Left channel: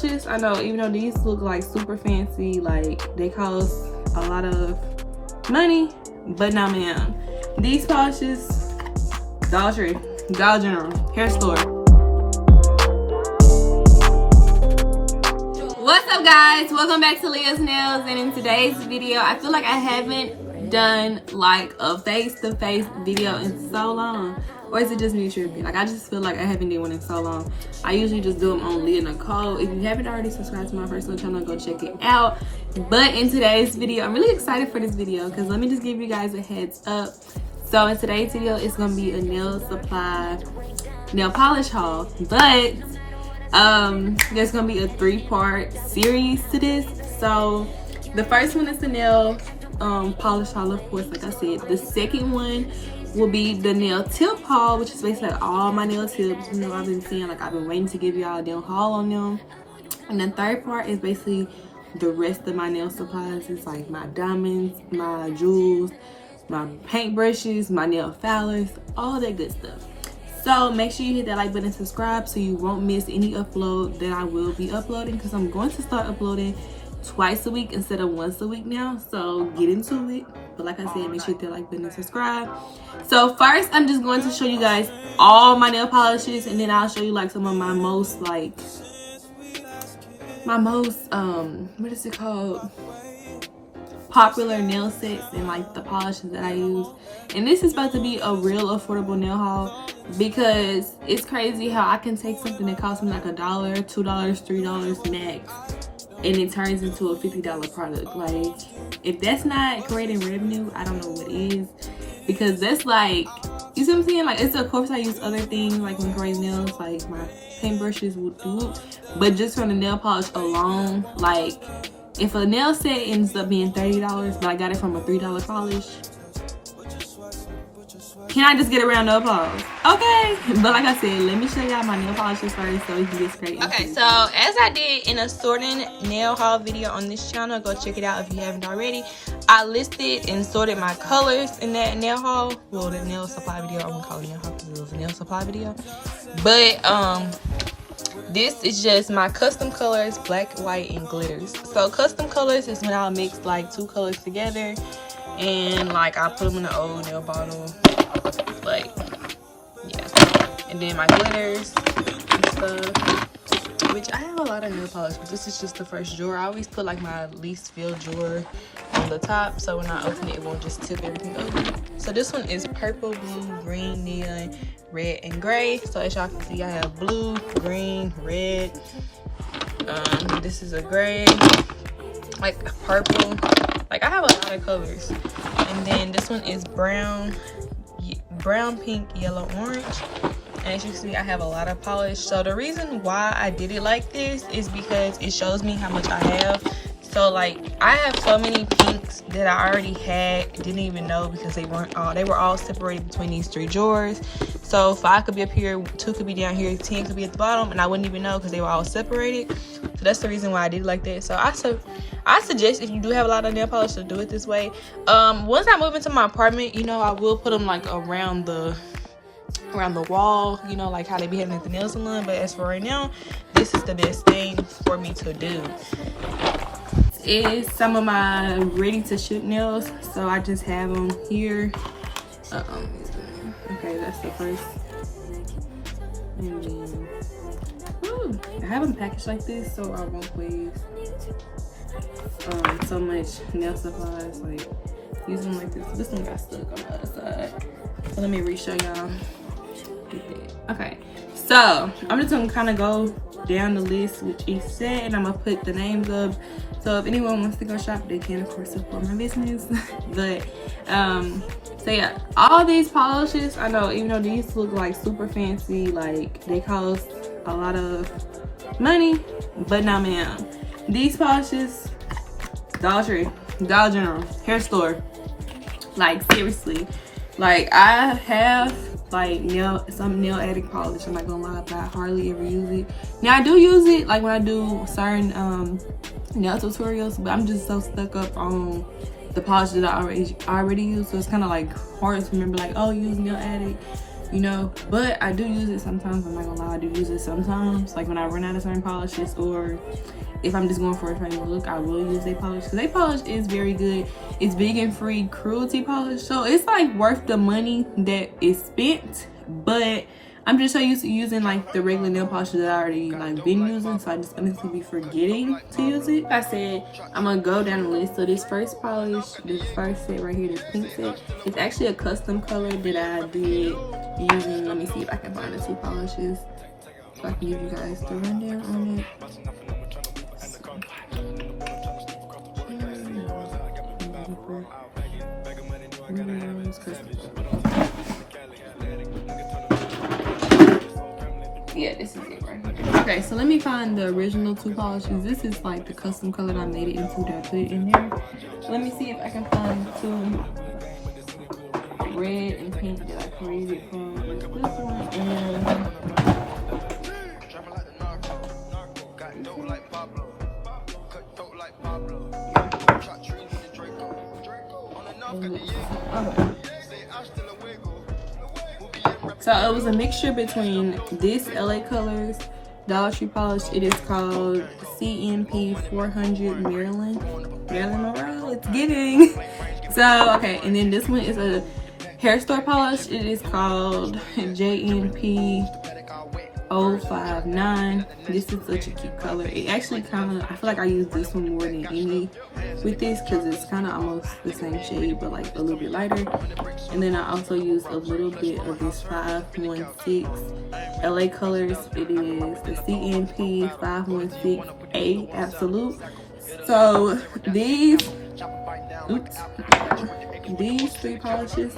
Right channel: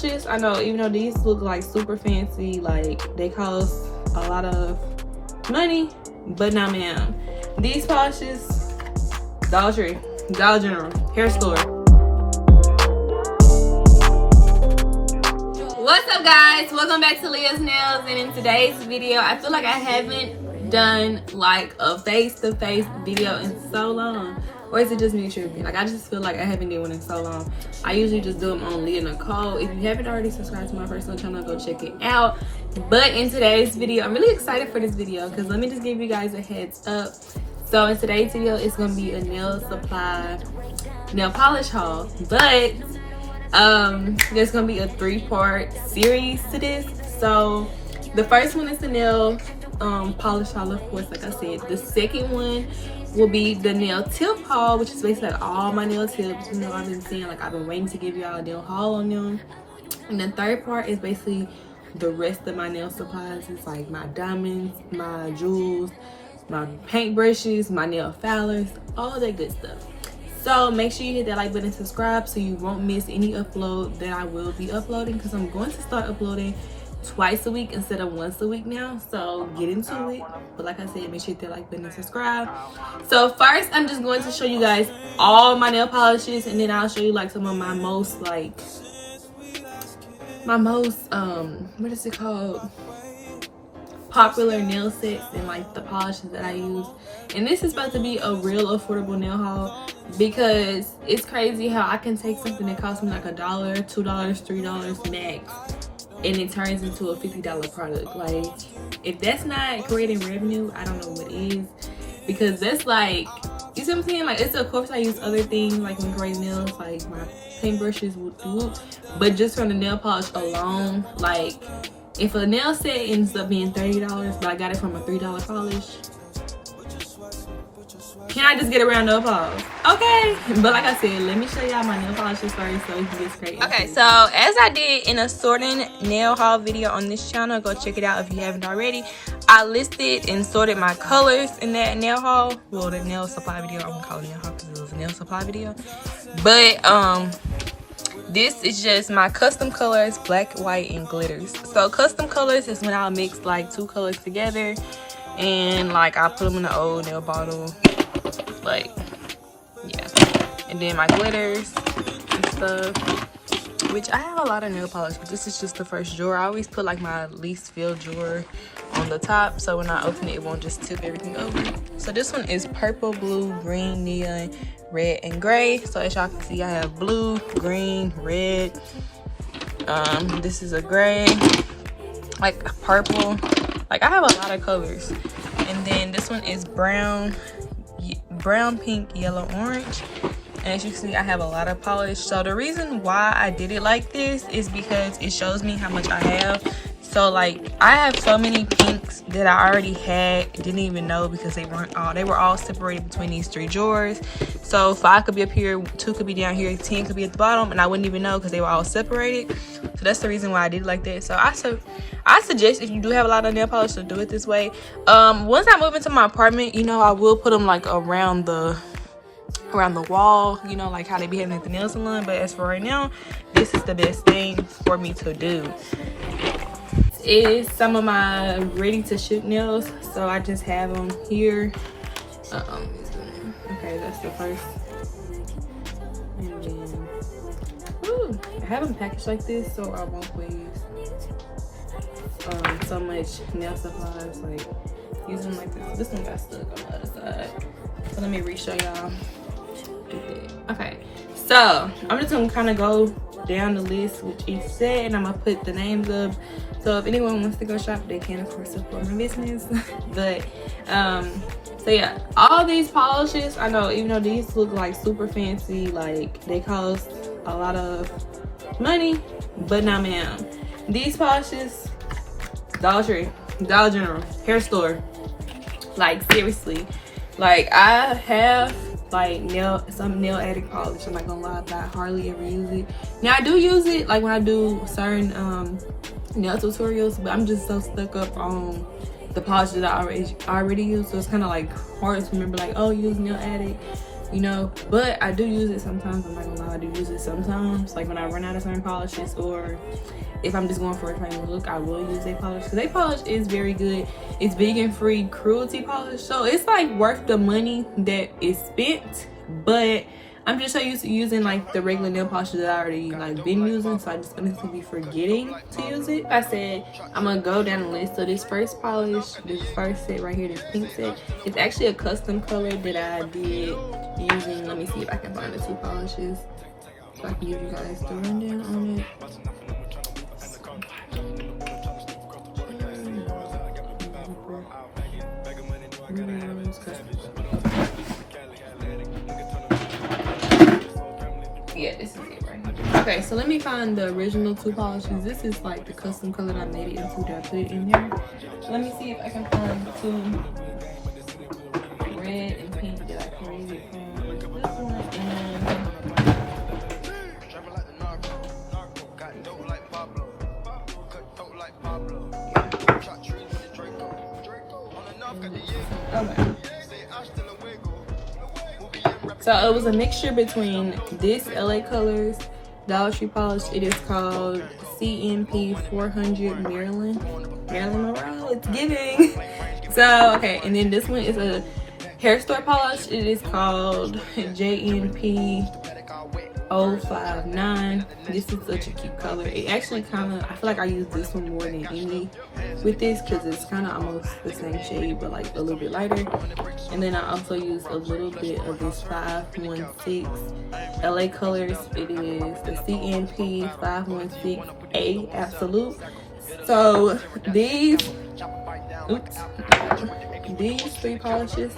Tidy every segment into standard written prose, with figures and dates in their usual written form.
polishes, I know, even though these look like super fancy, like they cost a lot of money, but no ma'am. These polishes, Dollar Tree, Dollar General, hair store. What's up guys, welcome back to Liyahs Nails, and in today's video I feel like I haven't done like a face-to-face video in so long. Or is it just me tripping? Like I just feel like I haven't done one in so long. I usually just do them on Leah Nicole. If you haven't already subscribed to my personal channel, go check it out. But in today's video, I'm really excited for this video because let me just give you guys a heads up. So in today's video, it's gonna be a nail supply nail polish haul. But there's gonna be a 3-part series to this. So the first one is the nail polish haul, of course, like I said. The second one will be the nail tip haul, which is basically like all my nail tips. You know, I've been saying like I've been waiting to give y'all a nail haul on them. And the third part is basically the rest of my nail supplies. It's like my diamonds, my jewels, my paint brushes, my nail filers, all that good stuff. So make sure you hit that like button and subscribe so you won't miss any upload that I will be uploading, because I'm going to start uploading twice a week instead of once a week now. So get into it. But like I said, make sure you hit that like button and subscribe. So first I'm just going to show you guys all my nail polishes, and then I'll show you like some of my most what is it called, popular nail sets and like the polishes that I use. And this is supposed to be a real affordable nail haul because it's crazy how I can take something that costs me like $1, $2, $3 max, and it turns into a $50 product. Like if that's not creating revenue, I don't know what is, because that's like, you see what I'm saying? Like it's, of course I use other things like when creating nails, like my paint brushes would do, but just from the nail polish alone, like if a nail set ends up being $30 but I got it from a $3 polish, can I just get a round of applause? Okay, but like I said, let me show y'all my nail polishes first so we can get straight into it. Okay, so as I did in a sorting nail haul video on this channel, go check it out if you haven't already. I listed and sorted my colors in that nail haul. Well, the nail supply video, I'm gonna call it nail haul because it was a nail supply video. But this is just my custom colors, black, white, and glitters. So custom colors is when I'll mix like 2 colors together and like I put them in the old nail bottle, like yeah. And then my glitters and stuff, which I have a lot of nail polish, but this is just the first drawer. I always put like my least filled drawer on the top, so when I open it, it won't just tip everything over. So this one is purple, blue, green, neon, red, and gray. So as y'all can see, I have blue, green, red. This is a gray, like purple. Like I have a lot of colors. And then this one is brown, pink, yellow, orange. And as you can see, I have a lot of polish. So the reason why I did it like this is because it shows me how much I have. So like I have so many pinks that I already had, didn't even know, because they were all separated between these 3 drawers. So 5 could be up here, 2 could be down here, 10 could be at the bottom, and I wouldn't even know because they were all separated. So that's the reason why I did it like that. So I suggest if you do have a lot of nail polish to do it this way. Once I move into my apartment, you know, I will put them like around the wall, you know, like how they be having at the nail salon. But as for right now, this is the best thing for me to do. Is some of my ready to shoot nails, so I just have them here. Okay, that's the first. And then I have them packaged like this so I won't waste so much nail supplies. Like use them like this. This one got stuck on the other side, so let me re-show y'all. Okay, so I'm just gonna kind of go down the list with each set, and I'm gonna put the names up, so if anyone wants to go shop, they can of course support my business. But so yeah, all these polishes, I know, even though these look like super fancy, like they cost a lot of money, but no ma'am. These polishes, Dollar Tree, Dollar General, hair store. Like seriously, like I have like some nail addict polish, I'm not gonna lie, but I hardly ever use it. Now I do use it like when I do certain nail tutorials, but I'm just so stuck up on the polish that I already use, so it's kind of like hard to remember like, oh, use nail addict. you know. But I do use it sometimes. I'm not gonna lie, I do use it sometimes, like when I run out of certain polishes, or if I'm just going for a certain look, I will use a polish, because a polish is very good. It's vegan free, cruelty polish, so it's like worth the money that is spent. But I'm just so used to using like the regular nail polishes that I already like been using, so I just honestly be forgetting to use it. I said I'm gonna go down the list. So this first polish, this first set right here, this pink set, it's actually a custom color that I did using, let me see if I can find the two polishes so I can give you guys the rundown on it. Yeah, this is it right here. Okay, so let me find the original two polishes. This is like the custom color that I made it into that I put it in there. Let me see if I can find two red and pink that I created from this one and so it was a mixture between this LA Colors Dollar Tree polish. It is called CMP 400 Maryland Monroe. It's giving. So okay, and then this one is a hair store polish. It is called JNP 059. This is such a cute color. It actually kind of, I feel like I use this one more than any with this, because it's kind of almost the same shade but like a little bit lighter. And then I also use a little bit of this 516 LA Colors. It is the CNP 516A Absolute. So these three polishes,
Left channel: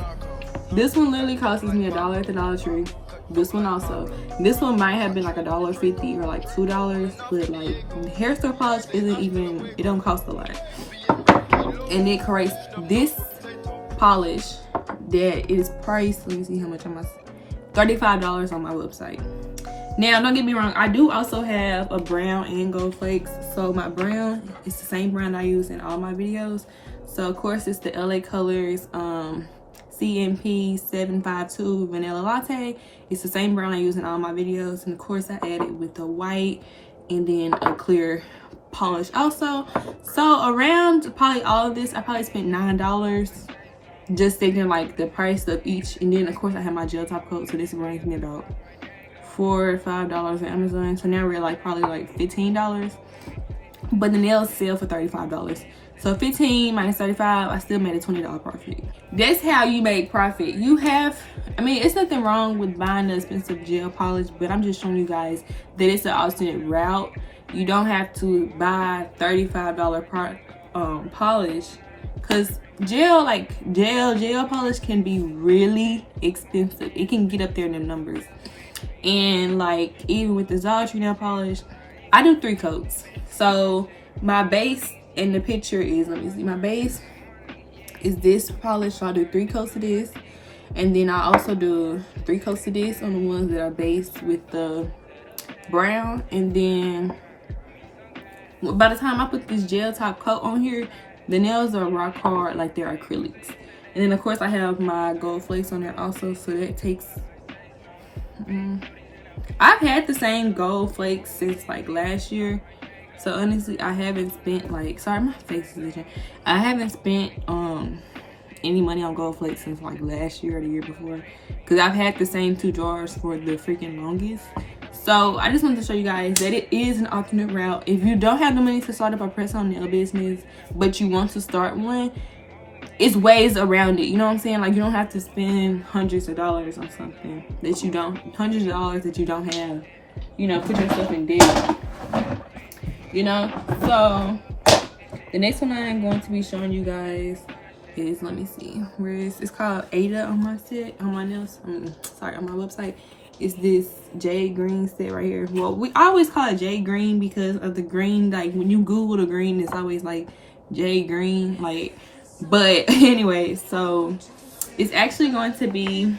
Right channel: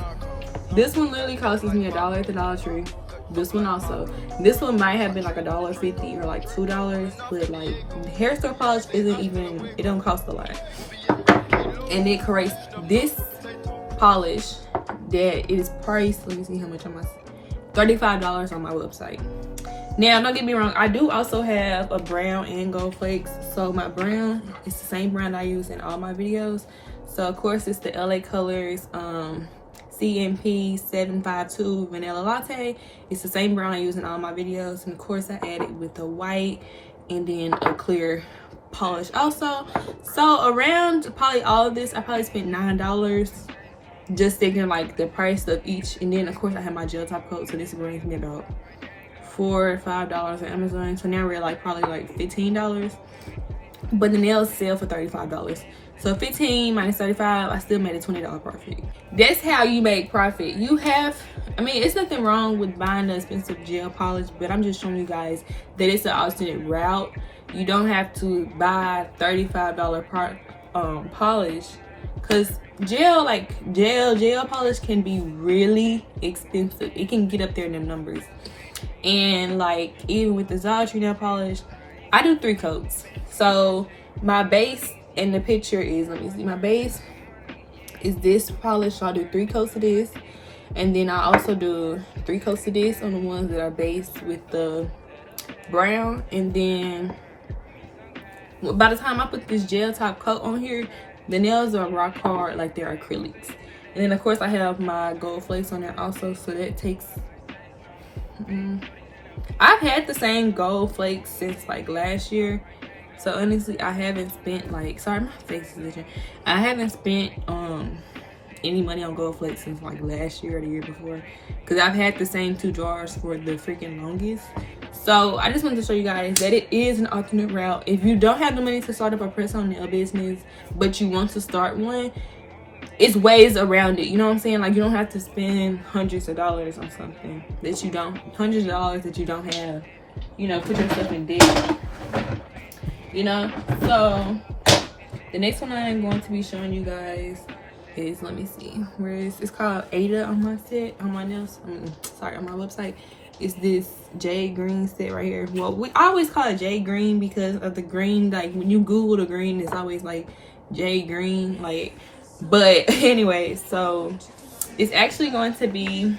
this one literally costs me $1 at the Dollar Tree. This one also. This one might have been like $1.50 or like $2, but like hair store polish isn't even, it don't cost a lot. And it creates this polish that is priced, let me see how much on my, $35 on my website. Now don't get me wrong, I do also have a brown and gold flakes. So my brown is the same brown I use in all my videos. So of course it's the LA Colors CMP 752 Vanilla Latte. It's the same brown I use in all my videos. And of course I added with the white and then a clear polish also. So around probably all of this, I probably spent $9 just thinking like the price of each. And then of course I have my gel top coat, so this brings me about $4 or $5 on Amazon. So now we're like probably like $15, but the nails sell for $35. So 15 minus 35, I still made a $20 profit. That's how you make profit. You have, I mean, it's nothing wrong with buying the expensive gel polish, but I'm just showing you guys that it's an alternate route. You don't have to buy $35 polish, because gel polish can be really expensive. It can get up there in them numbers. And like even with the Dollar Tree nail polish, I do 3 coats. So my base in the picture is, let me see, my base is this polish. So I do 3 coats of this, and then I also do 3 coats of this on the ones that are based with the brown. And then by the time I put this gel top coat on here, the nails are rock hard like they're acrylics. And then of course I have my gold flakes on there also, so that takes I've had the same gold flakes since like last year. So honestly, I haven't spent like, sorry, my face is itching. I haven't spent any money on gold flakes since like last year or the year before, because I've had the same 2 jars for the freaking longest. So I just wanted to show you guys that it is an alternate route. If you don't have the money to start up a press-on nail business, but you want to start one, it's ways around it. You know what I'm saying? Like, you don't have to spend hundreds of dollars on something that you don't, hundreds of dollars that you don't have. You know, put yourself in debt. You know? So the next one I'm going to be showing you guys is, let me see, where is, it's called Ada on my set, on my nails, on my website. It's this Jade Green Set right here. Well, I always call it Jade Green because of the green. Like, when you Google the green, it's always like Jade Green, like. But anyway, so it's actually going to be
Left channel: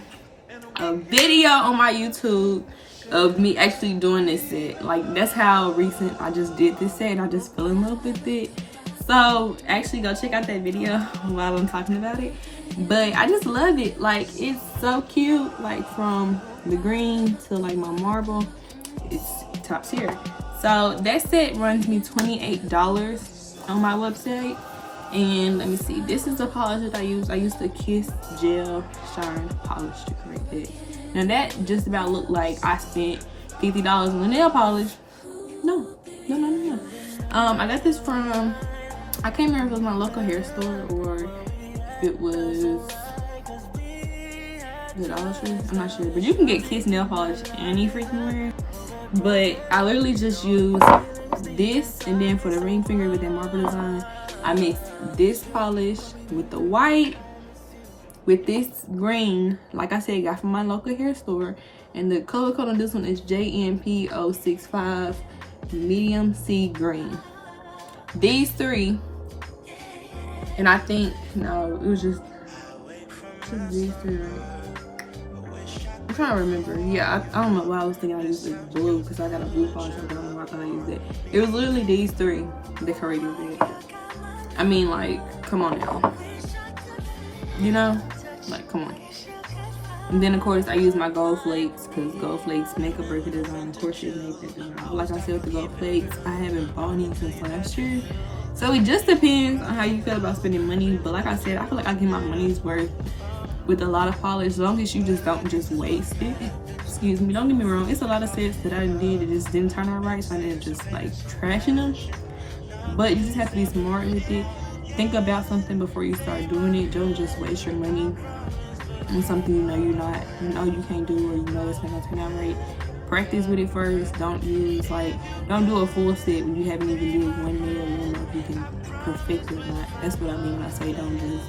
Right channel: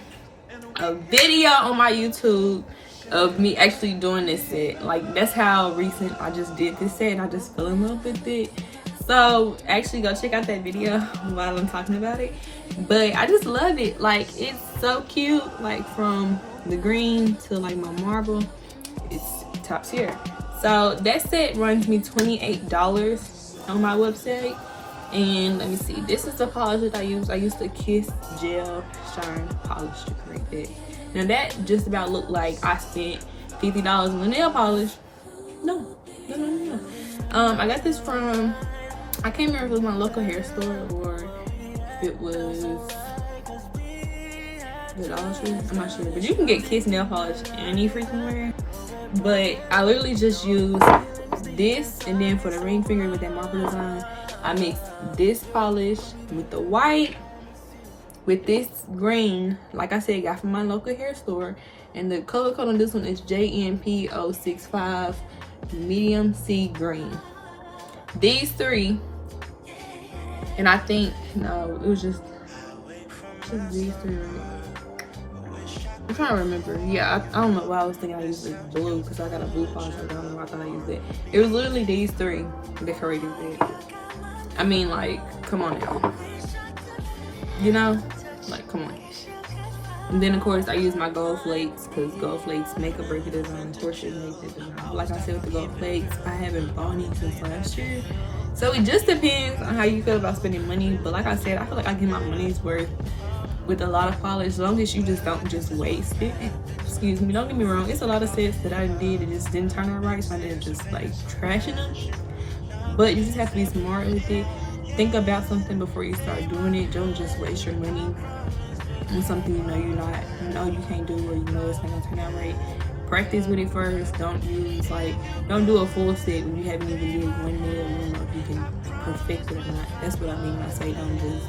a video on my YouTube of me actually doing this set. Like, that's how recent I just did this set, and I just fell in love with it. So actually go check out that video while I'm talking about it. But I just love it. Like, it's so cute. Like, from the green to like my marble, it's top tier. So that set runs me $28 on my website. And let me see, this is the polish that I use. I use the Kiss Gel Shine Polish sticker right there. Now that just about looked like I spent $50 on the nail polish. No. I got this from, I can't remember if it was my local hair store or it was the Dollar Tree. I'm not sure, but you can get Kiss nail polish any freaking where. But I literally just use this, and then for the ring finger with that marble design, I mixed this polish with the white with this green, like I said, got from my local hair store. And the color code on this one is JNP065 medium sea green. These three, and I think, no, it was just these three, right? I'm trying to remember. Yeah, I don't know why I was thinking I used the blue, because I got a blue polish. I don't know why I thought I used it. It was literally these three decorated with. I mean, like, come on now. You know? Like, come on. And then, of course, I use my gold flakes, because gold flakes make or break a design. Of course, it makes it design. Like I said with the gold flakes, I haven't bought any since last year. So it just depends on how you feel about spending money. But like I said, I feel like I get my money's worth with a lot of polish, as long as you just don't just waste it. Excuse me, don't get me wrong, it's a lot of sets that I did that just didn't turn out right, so I ended up just like trashing them. But you just have to be smart with it. Think about something before you start doing it. Don't just waste your money on something you know you can't do, or you know it's not gonna turn out right. Practice with it first. Don't do a full set when you haven't even did one nail. You don't know if you can perfect it or not. That's what I mean when I say don't just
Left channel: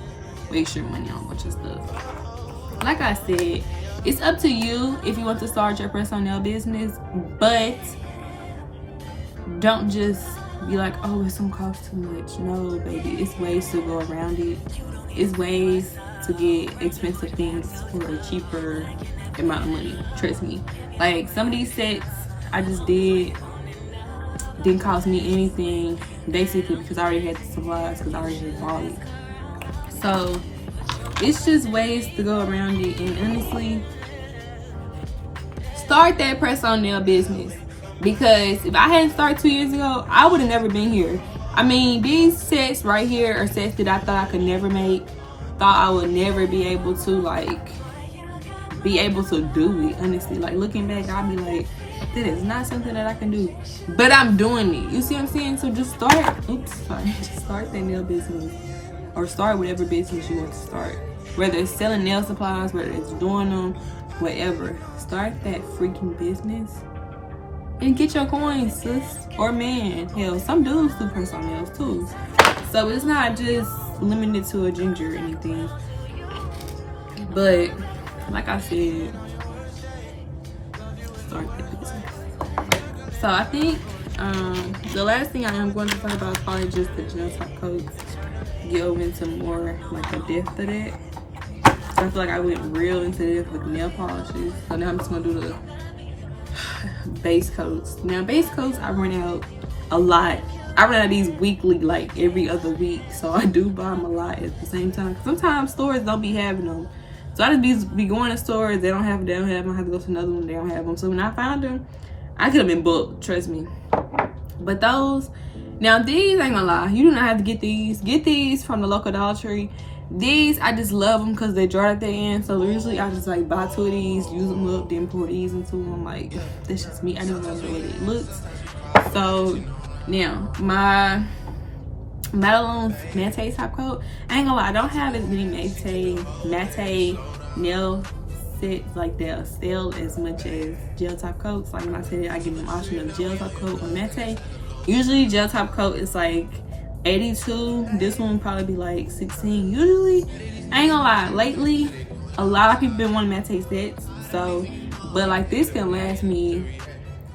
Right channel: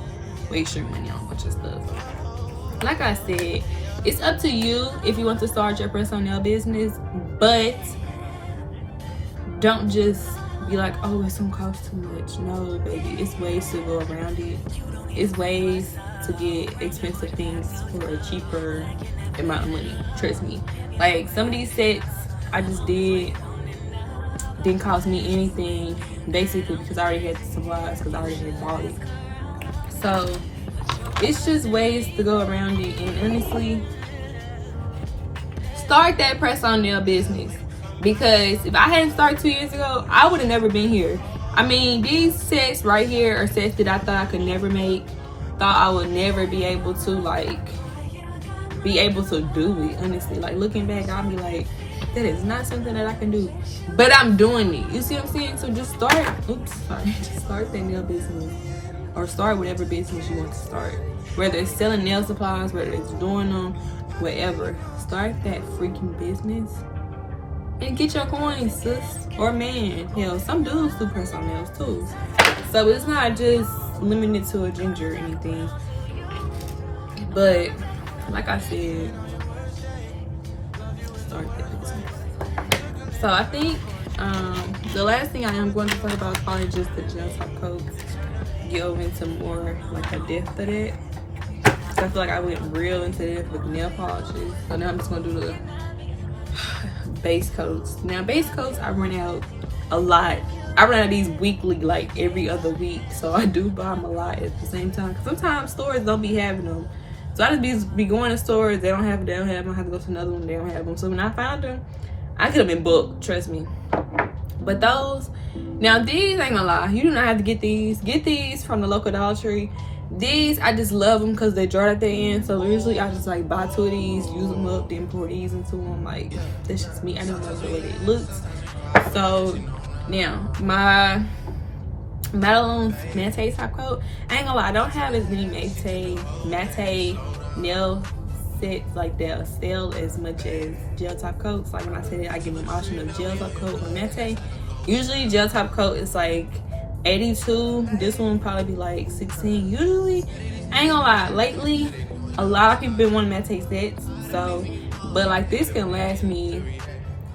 waste your money on a bunch of stuff. Like I said, it's up to you if you want to start your personal nail business, but don't just be like, oh, it's gonna cost too much. No, baby, it's ways to go around it. It's ways to get expensive things for a cheaper amount of money. Trust me. Like, some of these sets I just didn't cost me anything, basically because I already had the supplies, because I already had bought it. So it's just ways to go around it. And honestly, start that press-on nail business, because if I hadn't started 2 years ago, I would have never been here. I mean, these sets right here are sets that I thought I could never make, thought I would never be able to do it. Honestly, like, looking back, I'll be like, that is not something that I can do, but I'm doing it. You see what I'm saying? So just start that nail business, or start whatever business you want to start, whether it's selling nail supplies, whether it's doing them, whatever. Start that freaking business and get your coins, sis, or man. Hell, some dudes do press on nails too, so it's not just limited to a ginger or anything. But like I said, start that business. So I think the last thing I am going to talk about is probably just the gel top coats. Get over into more like a depth of that. So I feel like I went real into this with nail polishes. So now I'm just gonna do the base coats. Now base coats, I run out a lot. I run out of these weekly, like every other week. So I do buy them a lot at the same time. Sometimes stores don't be having them. So I just be going to stores, they don't have them. I have to go to another one, they don't have them. So when I found them, I could have been booked, trust me. But those, now these, ain't gonna lie, you do not have to get these. Get these from the local Dollar Tree. These, I just love them because they dry at the end. So usually I just like buy 2 of these, use them up, then pour these into them. Like, that's just me. I don't know the way it looks. So now my Maliyah's matte top coat, I ain't gonna lie, I don't have as many matte nail sets like that sell as much as gel top coats. Like when I said I give them option of gel top coat or matte. Usually gel top coat is like $82. This one would probably be like $16. Usually, I ain't gonna lie, lately a lot of people been wanting matte sets. So, but like this can last me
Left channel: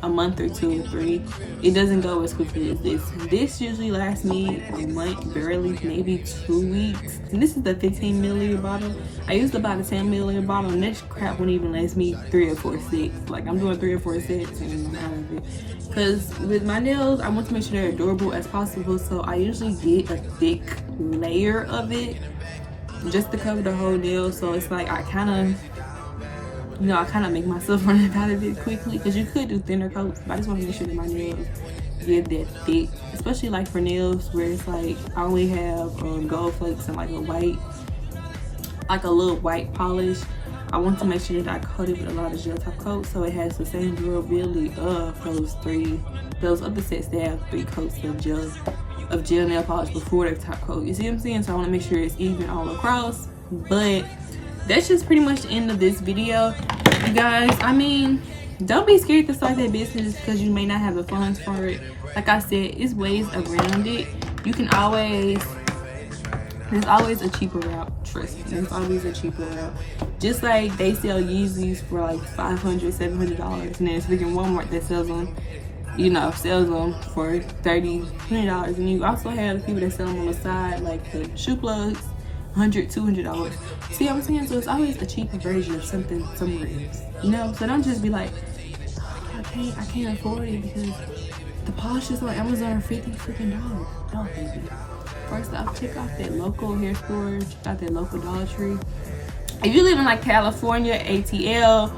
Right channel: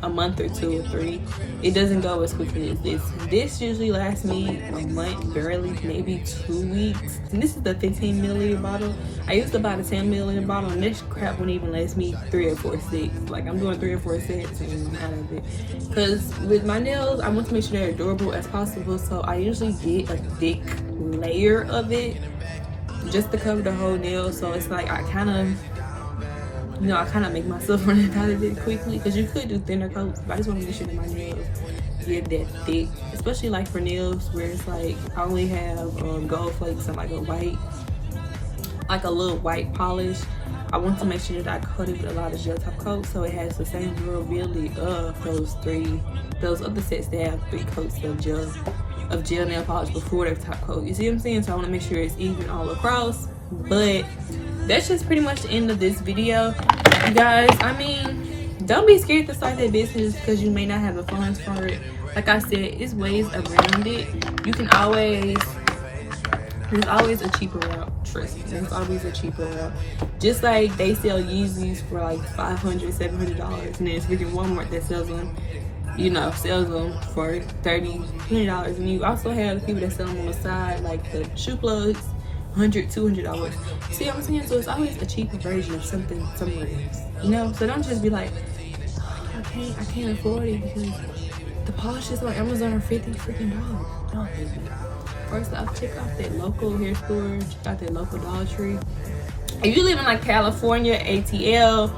a month or 2 or 3. It doesn't go as quickly as this. This usually lasts me a month, barely, maybe 2 weeks. And this is the 15 milliliter bottle. I used about a 10 milliliter bottle, and this crap won't even last me 3 or 4 sets. Like, I'm doing 3 or 4 sets and out of it. Because with my nails, I want to make sure they're durable as possible, so I usually get a thick layer of it just to cover the whole nail. So it's like I kind of make myself run out of it quickly, because you could do thinner coats, but I just want to make sure that my nails get that thick, especially like for nails where it's like I only have gold flakes and like a little white polish. I want to make sure that I coat it with a lot of gel top coats, so it has the same durability of those other sets that have 3 coats of gel nail polish before the top coat. You see what I'm saying? So I want to make sure it's even all across. But that's just pretty much the end of this video, you guys. I mean, don't be scared to start that business because you may not have the funds for it. Like I said, it's ways around it. You can always, there's always a cheaper route. Trust me, there's always a cheaper route. Just like they sell Yeezys for like $500, $700, and then it's freaking Walmart that sells them, sells them for $30, $20. And you also have people that sell them on the side, like the shoe plugs, $100, $200. See what I'm saying? So it's always a cheaper version of something somewhere else. So don't just be like, oh, I can't afford it because the polishes on Amazon are $50 freaking dollars. No, baby. First off, check out that local hair store, check out that local Dollar Tree. If you live in like California, ATL,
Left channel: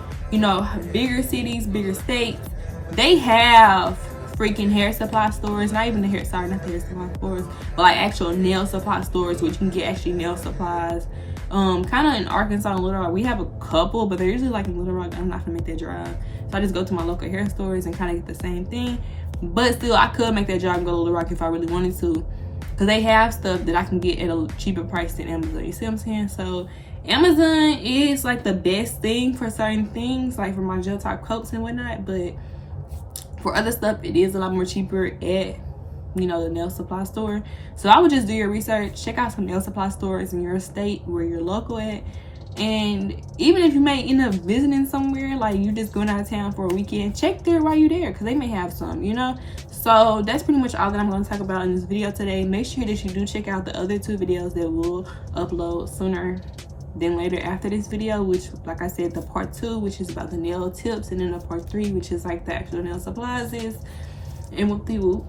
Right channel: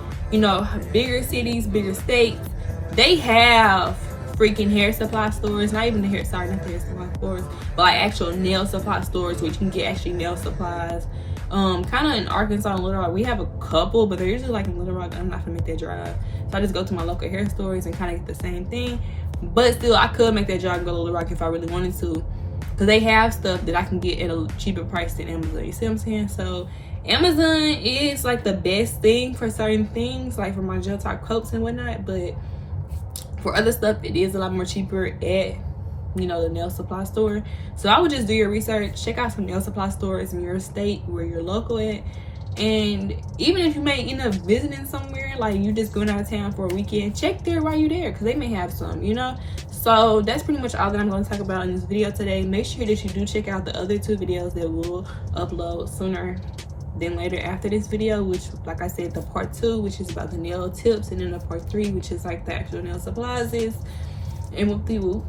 bigger cities, bigger states, they have freaking hair supply stores. Not the hair supply stores, but like actual nail supply stores, which you can get actually nail supplies. Kind of in Arkansas and Little Rock, we have a couple, but they're usually like in Little Rock. I'm not gonna make that drive, so I just go to my local hair stores and kind of get the same thing. But still, I could make that drive and go to Little Rock if I really wanted to, because they have stuff that I can get at a cheaper price than Amazon. You see what I'm saying? So Amazon is like the best thing for certain things, like for my gel top coats and whatnot, but for other stuff it is a lot more cheaper at the nail supply store. So I would just do your research, check out some nail supply stores in your state where you're local at. And even if you may end up visiting somewhere, like you just going out of town for a weekend, check there while you're there, because they may have some, So that's pretty much all that I'm going to talk about in this video today. Make sure that you do check out the other 2 videos that we'll upload sooner than later after this video, which, like I said, the part 2, which is about the nail tips, and then the part 3, which is like the actual nail supplies and whoop-de-whoop.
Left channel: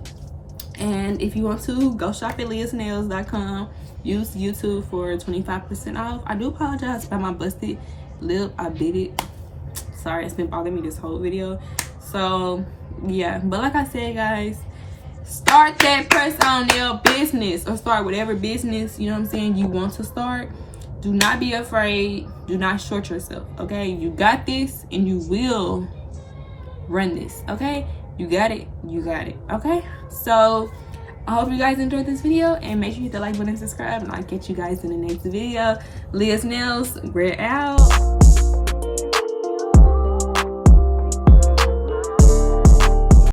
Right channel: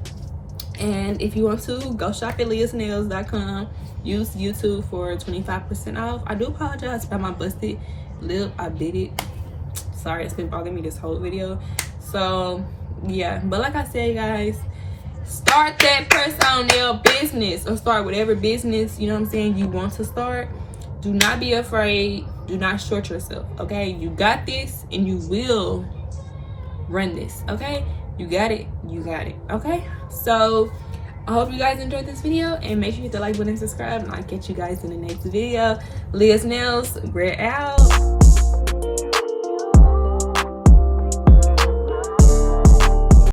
And if you want to, go shop at liyahsnails.com. Use YouTube for 25% off. I do apologize about my busted lip. I bit it. Sorry, it's been bothering me this whole video. So yeah, but like I said, guys, start that press-on nail business, or start whatever business you want to start. Do not be afraid. Do not short yourself, okay? You got this, and you will run this, okay? You got it, okay? So I hope you guys enjoyed this video, and make sure you hit the like button and subscribe, and I'll catch you guys in the next video. Liyahs Nails, we're out.